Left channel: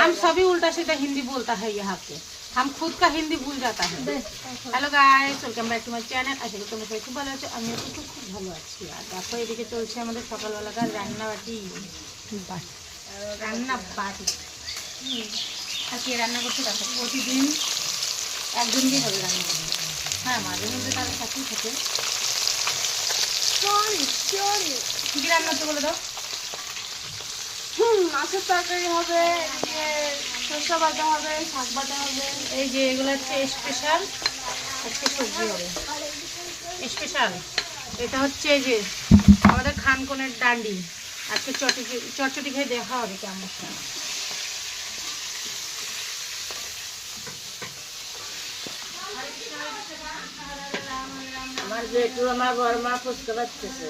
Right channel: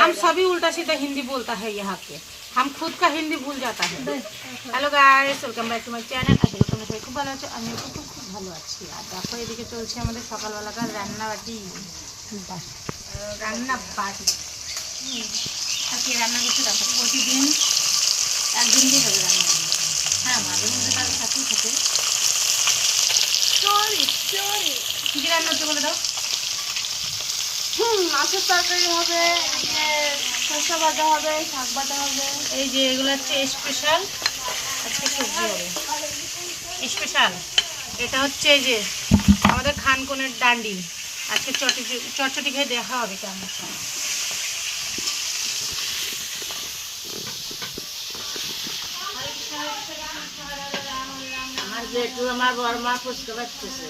हम सभी उल्टा सीधा हिंदी बोलता है यहाँ पे, हम खुद का हिंदी भूल जाता है। Hello guys, welcome back to my channel. আশা করি তোমরা সবাই খুব ভালো আছো, আমিও খুব খুব ভালো আছি। আর দেখো এদিকে চলছে আমাদের সকালবেলাকার রান্নাবাটি। রান্না বাটি আজকে রান্না করতে দেখো প্রতিদিন একদিন দিয়ে হবে রান্না। হ্যাঁ, মাঝে মধ্যে তার সাথেই থাকে। কী কী রান্না হচ্ছে বলে দাও। মাছের তরকারি হবে, শস্য ভাজা হবে, শাক ভাজা হবে। এই যে এগুলো হচ্ছে স্পেশাল, আজকে সবজি হবে স্পেশাল। এটা হচ্ছে এই যে আমাদের খানকনের ডান্ডি, আজকে চটচটি খেয়ে দেখা হবে কেমন। আমার বেটু আমার বড় মা ফুচকা বাচ্চেছে।